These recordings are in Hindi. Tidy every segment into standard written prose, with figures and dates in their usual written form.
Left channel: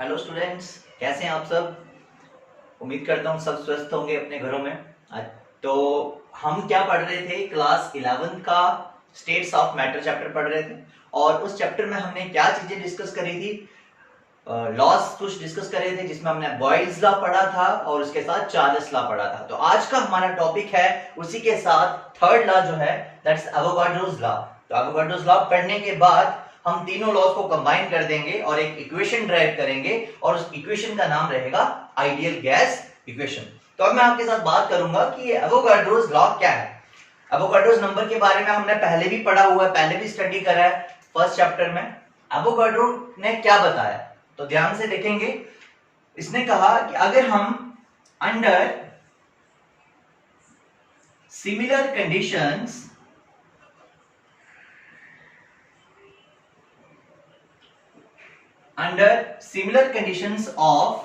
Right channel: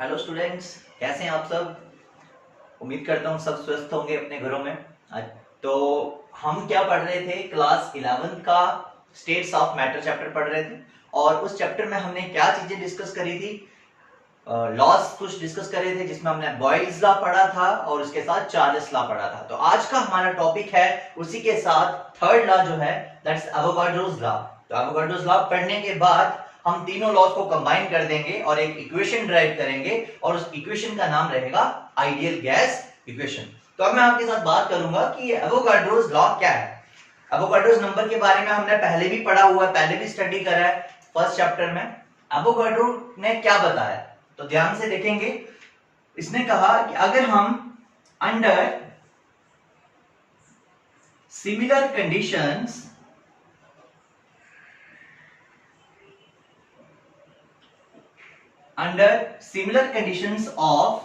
हेलो स्टूडेंट्स, कैसे हैं आप सब। उम्मीद करता हूँ सब स्वस्थ होंगे अपने घरों में। तो हम क्या पढ़ रहे थे, क्लास 11 का स्टेट्स ऑफ मैटर चैप्टर पढ़ रहे थे। और उस चैप्टर में हमने क्या चीजें डिस्कस करी थी, लॉस कुछ डिस्कस करे थे, जिसमें हमने बॉयल्स लॉ पढ़ा था और उसके साथ चार्ल्स लॉ पढ़ा था। तो आज का हमारा टॉपिक है उसी के साथ थर्ड लॉ जो है, दैट्स एवोगाड्रोस लॉ। तो एवोगाड्रोस लॉ पढ़ने के बाद हम तीनों लॉज को कंबाइन कर देंगे और एक इक्वेशन ड्राइव करेंगे और उस इक्वेशन का नाम रहेगा आइडियल गैस इक्वेशन। तो अब मैं आपके साथ बात करूंगा कि एवोगाड्रोस लॉ क्या है। एवोगाड्रोस नंबर के बारे में हमने पहले भी पढ़ा हुआ है, पहले भी स्टडी करा है फर्स्ट चैप्टर में। एवोगाड्रो ने क्या बताया, तो ध्यान से देखेंगे। इसने कहा कि अगर हम under similar conditions of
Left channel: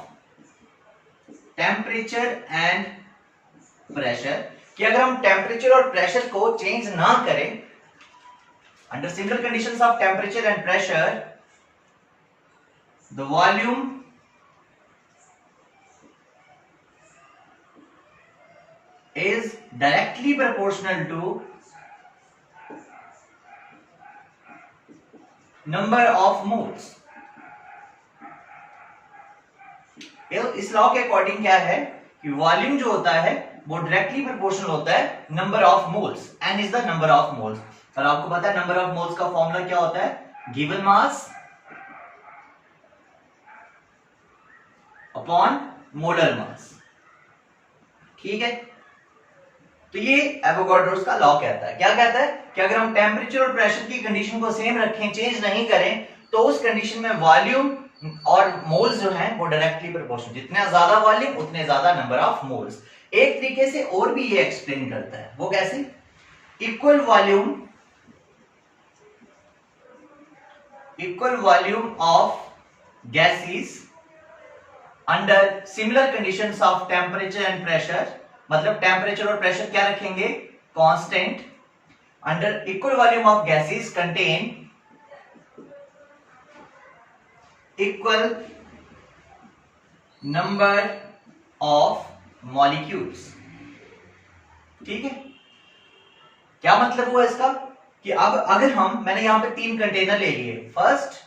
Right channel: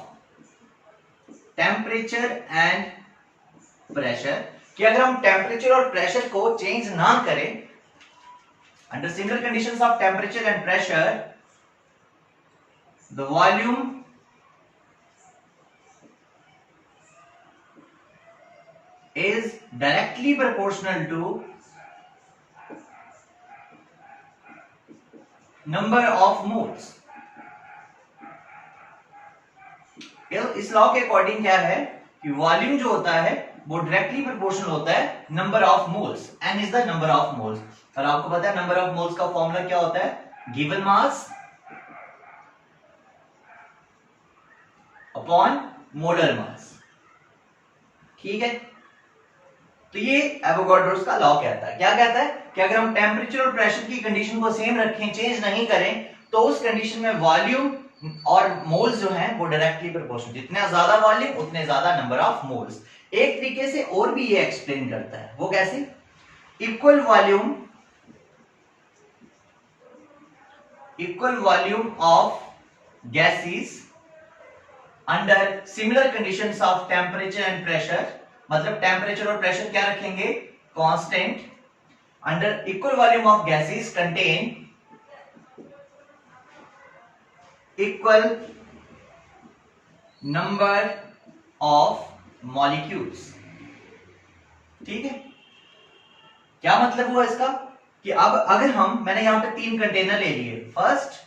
temperature and pressure, कि अगर हम टेम्परेचर और प्रेशर को चेंज ना करें, under similar conditions of temperature and pressure the volume is directly proportional to number of moles। इस लॉ के अकॉर्डिंग क्या है कि वॉल्यूम जो होता है वो डायरेक्टली प्रोपोर्शनल होता है number of moles. N is the number of moles. और आपको पता है नंबर ऑफ मोल्स का फॉर्मूला क्या होता है, given mass upon molar mass. ठीक है, तो ये एवोगाड्रोस का लॉ कहता है। क्या कहता है कि अगर हम टेम्परेचर और प्रेशर की कंडीशन को सेम रखें, चेंज नहीं करें, तो उस कंडीशन में वॉल्यूम और मोल्स जो हैं वो डायरेक्टली प्रोपोर्शनल, जितना ज्यादा वॉल्यूम उतने ज्यादा नंबर ऑफ मोल्स। एक तरीके से और भी ये एक्सप्लेन करता है, वो कैसे, equal volume of gases under similar conditions of temperature and pressure, मतलब टेम्परेचर और प्रेशर क्या रखेंगे, constant, under equal volume of gases contain equal number of molecules. ठीक है, क्या मतलब हुआ इसका कि अब अगर मैंने यहां पे 3 कंटेनर ले लिए, फर्स्ट,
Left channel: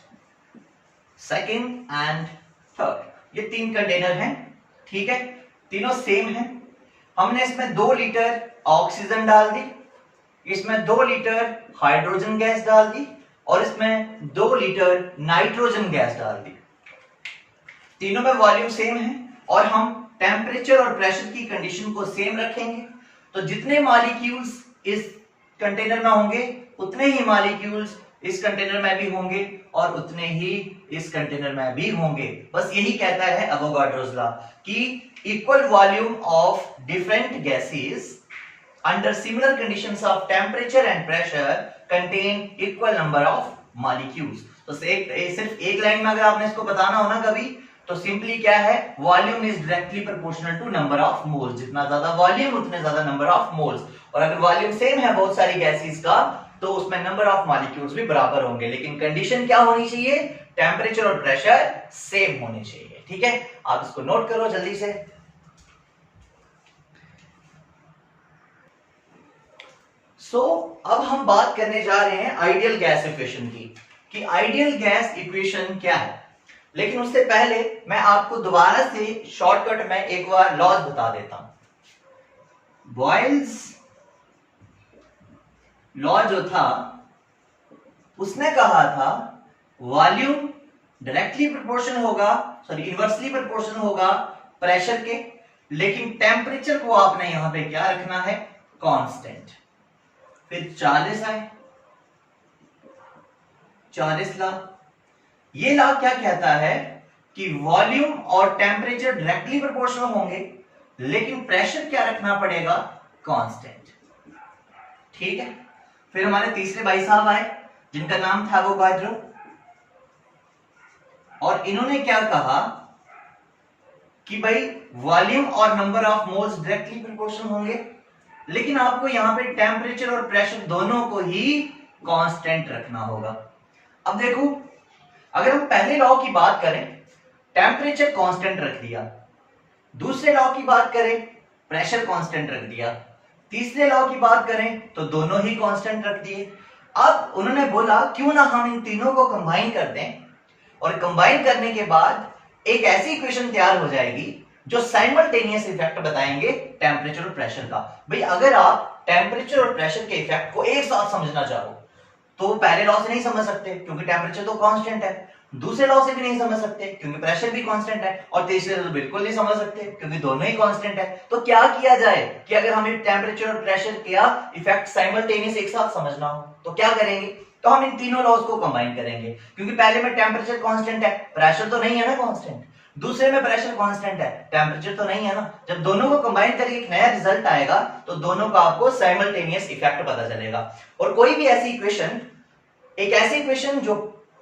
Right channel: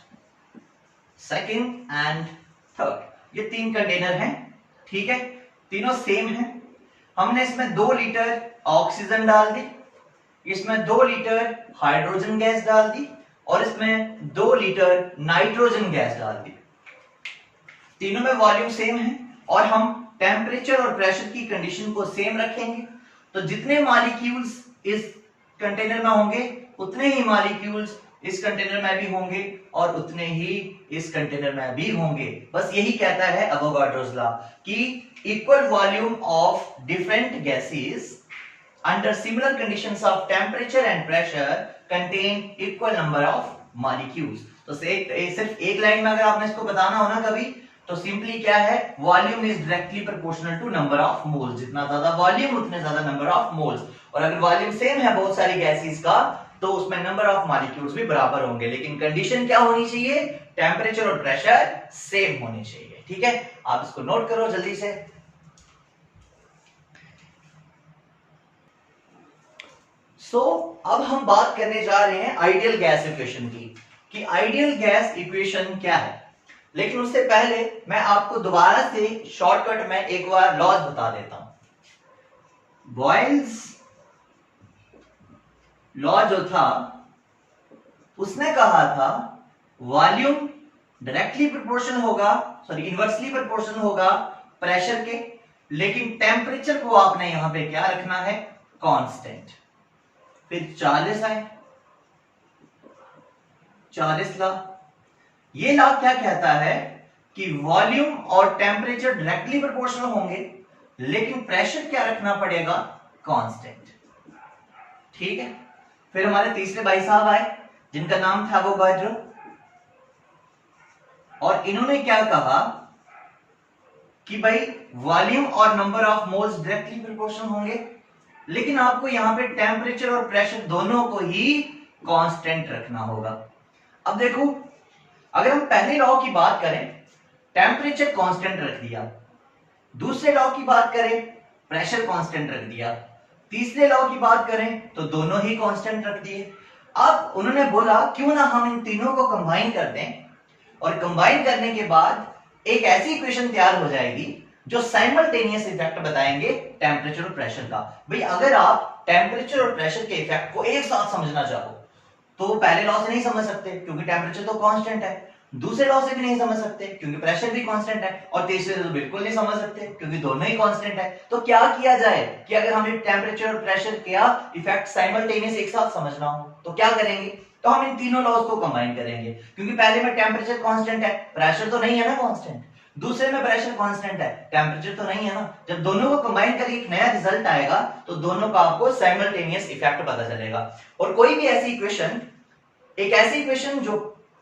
सेकंड एंड थर्ड, ये 3 कंटेनर हैं। ठीक है, तीनों सेम हैं। हमने इसमें 2 लीटर ऑक्सीजन डाल दी, इसमें 2 लीटर हाइड्रोजन गैस डाल दी और इसमें 2 लीटर नाइट्रोजन गैस डाल दी। तीनों में वॉल्यूम सेम है और हम टेम्परेचर और प्रेशर की कंडीशन को सेम रखेंगे। तो जितने मॉलिक्यूल्स इस कंटेनर में होंगे उतने ही मॉलिक्यूल्स इस कंटेनर में भी होंगे और उतने ही इस कंटेनर में भी होंगे। बस यही कहता है एवोगाड्रोस लॉ कि equal volume of different gases under similar conditions of temperature and pressure contain equal number of molecules. तो सिर्फ एक लाइन में अगर आपने इसको बताना हो ना कभी, तो सिंपली क्या है, volume is directly proportional to number of moles. जितना ज्यादा वॉल्यूम उतने ज्यादा नंबर ऑफ मोल्स। और अगर वॉल्यूम सेम है बहुत सारी गैसेस का, तो उसमें नंबर ऑफ मॉलिक्यूल्स भी बराबर होंगे, लेकिन कंडीशन क्या होनी चाहिए, टेम्परेचर और प्रेशर सेम होनी चाहिए। ठीक है, आप इसको नोट करो जल्दी से। अब हम बात करने जा रहे हैं आइडियल गैस इक्वेशन की, कि आइडियल गैस इक्वेशन क्या है। लेकिन उससे पहले मैं आपको दोबारा से शॉर्टकट में एक बार लॉज बता देता हूं। बॉयल्स लॉ जो था उसने कहा था वॉल्यूम डायरेक्टली प्रोपोर्शनल होगा, सॉरी इनवर्सली प्रोपोर्शनल होगा प्रेशर के, लेकिन टेम्परेचर को आपने यहां पे क्या रखना है, कांस्टेंट। फिर चार्ल्स आए, चार्ल्स लॉ। ये लॉ क्या कहता है कि वॉल्यूम और टेम्परेचर डायरेक्टली प्रोपोर्शनल होंगे, लेकिन प्रेशर क्या रखना पड़ेगा, कांस्टेंट। ठीक है, फिर हमारे तीसरे भाई साहब आए जिनका नाम था एवोगाड्रो, और इन्होंने क्या कहा कि भाई वॉल्यूम और number of moles directly proportional होंगे, लेकिन आपको यहां पे टेम्परेचर और प्रेशर दोनों को ही कांस्टेंट रखना होगा। अब देखो, अगर हम पहले लॉ की बात करें टेम्परेचर कांस्टेंट रख दिया। दूसरे लॉ की बात करें, प्रेशर कांस्टेंट रख दिया। तीसरे लॉ की बात करें तो दोनों ही कांस्टेंट रख दिए। अब उन्होंने बोला क्यों ना हम इन तीनों को कंबाइन कर दें, और कंबाइन करने के बाद एक ऐसी इक्वेशन तैयार हो जाएगी जो साइमल्टेनियस इफेक्ट बताएंगे टेम्परेचर और प्रेशर का। भाई अगर आप टेम्परेचर और प्रेशर के इफेक्ट को एक साथ समझना चाहो तो पहले लॉ से नहीं समझ सकते क्योंकि टेम्परेचर तो कांस्टेंट है, दूसरे लॉ से भी नहीं समझ सकते क्योंकि प्रेशर भी कांस्टेंट है, और तीसरे से तो बिल्कुल नहीं समझ सकते क्योंकि दोनों ही कांस्टेंट है। तो क्या किया जाए कि अगर हमें टेम्परेचर और प्रेशर का इफेक्ट साइमल्टेनियस एक साथ समझना हो तो क्या करेंगे, तो हम इन तीनों लॉज को कंबाइन करेंगे। क्योंकि पहले में टेम्परेचर कांस्टेंट है, प्रेशर तो नहीं है ना कांस्टेंट, दूसरे में प्रेशर कांस्टेंट है, टेम्परेचर तो नहीं है ना। जब दोनों को कंबाइन करके एक नया रिजल्ट आएगा तो दोनों का आपको साइमल्टेनियस इफेक्ट पता चलेगा। और कोई भी ऐसी इक्वेशन, एक ऐसी इक्वेशन जो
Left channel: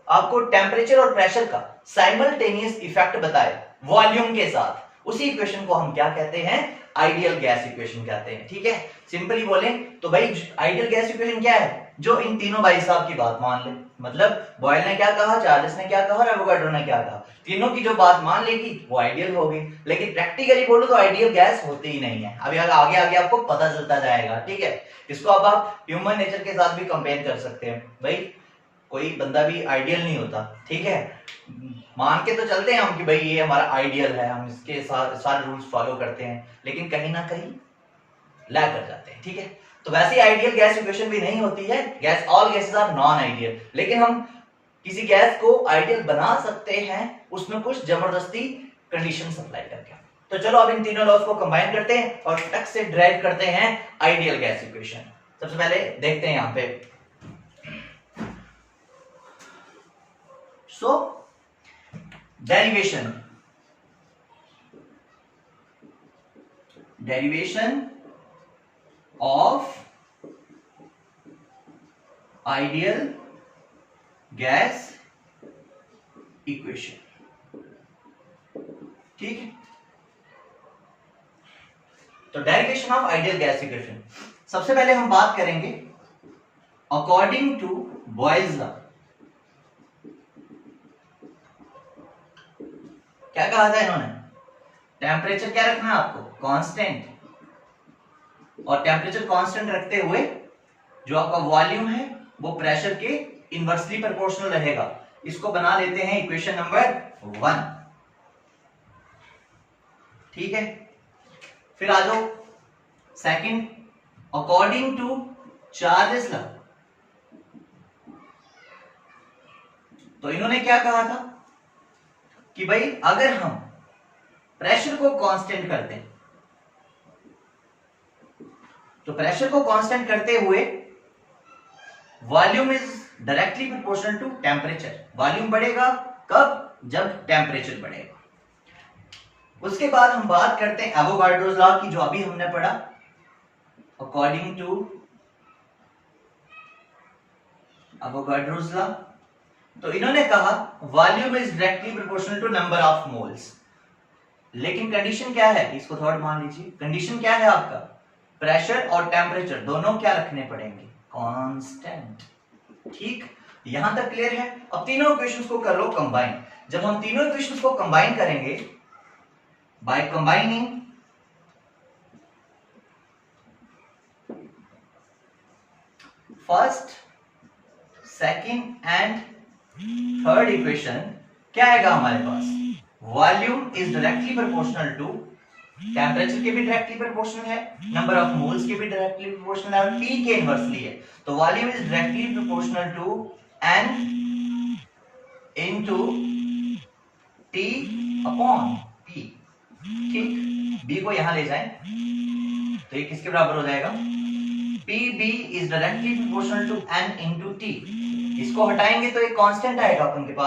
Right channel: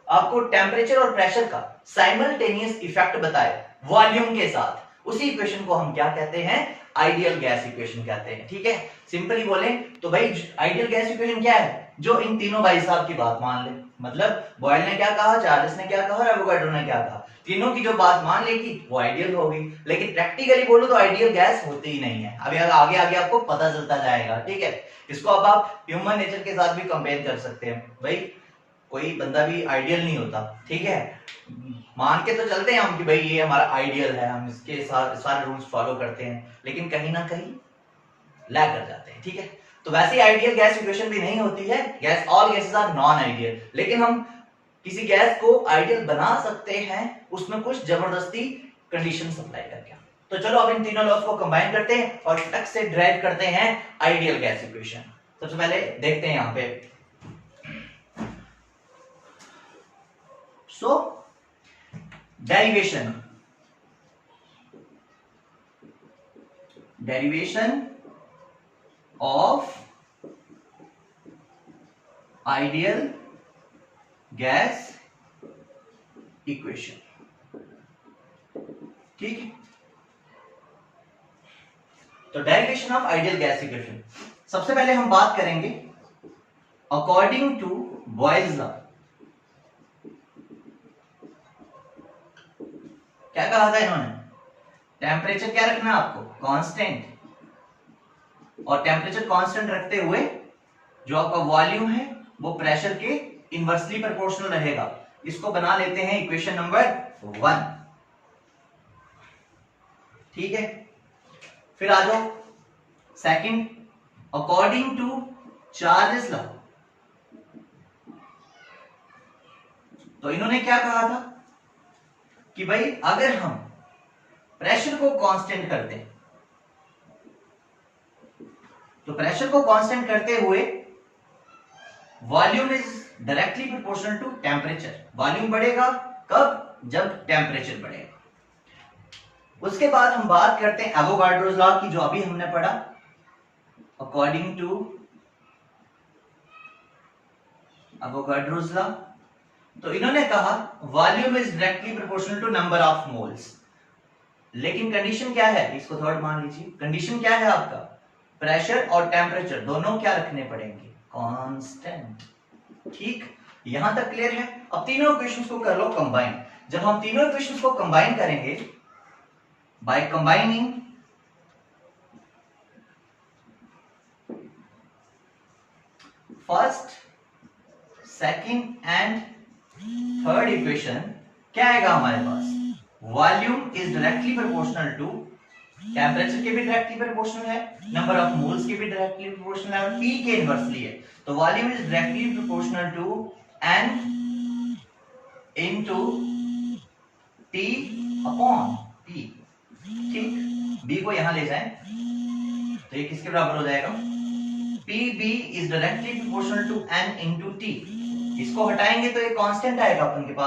आपको टेम्परेचर और प्रेशर का साइमल्टेनियस इफेक्ट बताए वॉल्यूम के साथ, उसी इक्वेशन को हम क्या कहते हैं, आइडियल गैस इक्वेशन कहते हैं। ठीक है, सिंपली बोले तो भाई आइडियल गैस इक्वेशन क्या है, जो इन तीनों भाई साहब की बात मान ले। मतलब बॉयल ने क्या कहा, चार्ल्स ने क्या कहा और एवोगाड्रो ने क्या कहा, तीनों की जो बात मान लेगी वो आइडियल होगी। लेकिन प्रैक्टिकली बोलो तो आइडियल गैस होती ही नहीं है। अभी आगे आगे आपको पता चलता जाएगा। ठीक है, इसको अब आप ह्यूमन नेचर के साथ भी कंपेयर कर सकते हैं। भाई कोई बंदा भी आइडियल नहीं होता। ठीक है, मान के तो चलते हैं हम कि भाई ये हमारा आइडियल है, हम इसके साथ सारे रूल्स फॉलो करते हैं, लेकिन कहीं ना कहीं लैग कर जाते हैं। ठीक है, तो वैसे आइडियल गैस इक्वेशन भी नहीं होती है, gas all gases are non ideal. लेकिन हम किसी गैस को आइडियल बना सकते हैं उसमें कुछ जबरदस्ती कंडीशन अप्लाई करके। तो चलो अब इन तीनों लॉज को कंबाइन करते हैं और टक से ड्राइव करते हैं आइडियल गैस इक्वेशन। सबसे पहले देखते हैं यहां पे, सो derivation of ideal gas equation। ठीक है, तो derivation of ideal gas equation, सबसे पहले हम बात करेंगे अकॉर्डिंग टू बॉयल्स लॉ। क्या कहा था इन्होंने, टेम्परेचर क्या रखना है आपको, कांस्टेंट, और टेम्परेचर कांस्टेंट रखते हुए जो आपका वॉल्यूम है वो प्रेशर के इनवर्सली प्रोपोर्शनल रहेगा। इसको बना लेते हैं इक्वेशन नंबर 1। ठीक है, फिर आ जाओ second, according to Charles law. तो इन्होंने क्या कहा था कि भाई अगर हम प्रेशर को कांस्टेंट कर दें तो प्रेशर को कांस्टेंट करते हुए volume is directly proportional to temperature. Volume बढ़ेगा कब, जब टेम्परेचर बढ़ेगा। उसके बाद हम बात करते हैं एवोगाड्रोस लॉ की, जो अभी हमने पढ़ा, अकॉर्डिंग टू एवोगाड्रोस लॉ। तो इन्होंने कहा volume is directly proportional to number of moles. लेकिन कंडीशन क्या है, इसको थर्ड मान लीजिए, कंडीशन क्या है आपका, प्रेशर और टेम्परेचर दोनों क्या रखने पड़ेंगे, कांस्टेंट। ठीक, यहां तक क्लियर है। अब तीनों इक्वेशंस को कर लो कंबाइन। जब हम तीनों इक्वेशंस को कंबाइन करेंगे by combining first, second and third equation, क्या आएगा हमारे पास, volume is directly proportional to temperature के भी डायरेक्टली प्रोपोर्शनल है, नंबर ऑफ मोल्स के भी डायरेक्टली प्रोपोर्शनल है, और T के इनवर्सली है। तो volume is directly proportional to N into T upon P। ठीक, B को यहां ले जाएं तो ये किसके बराबर हो जाएगा, PB is directly proportional to N into T। इसको हटाएंगे तो एक कांस्टेंट आएगा अपन के पास,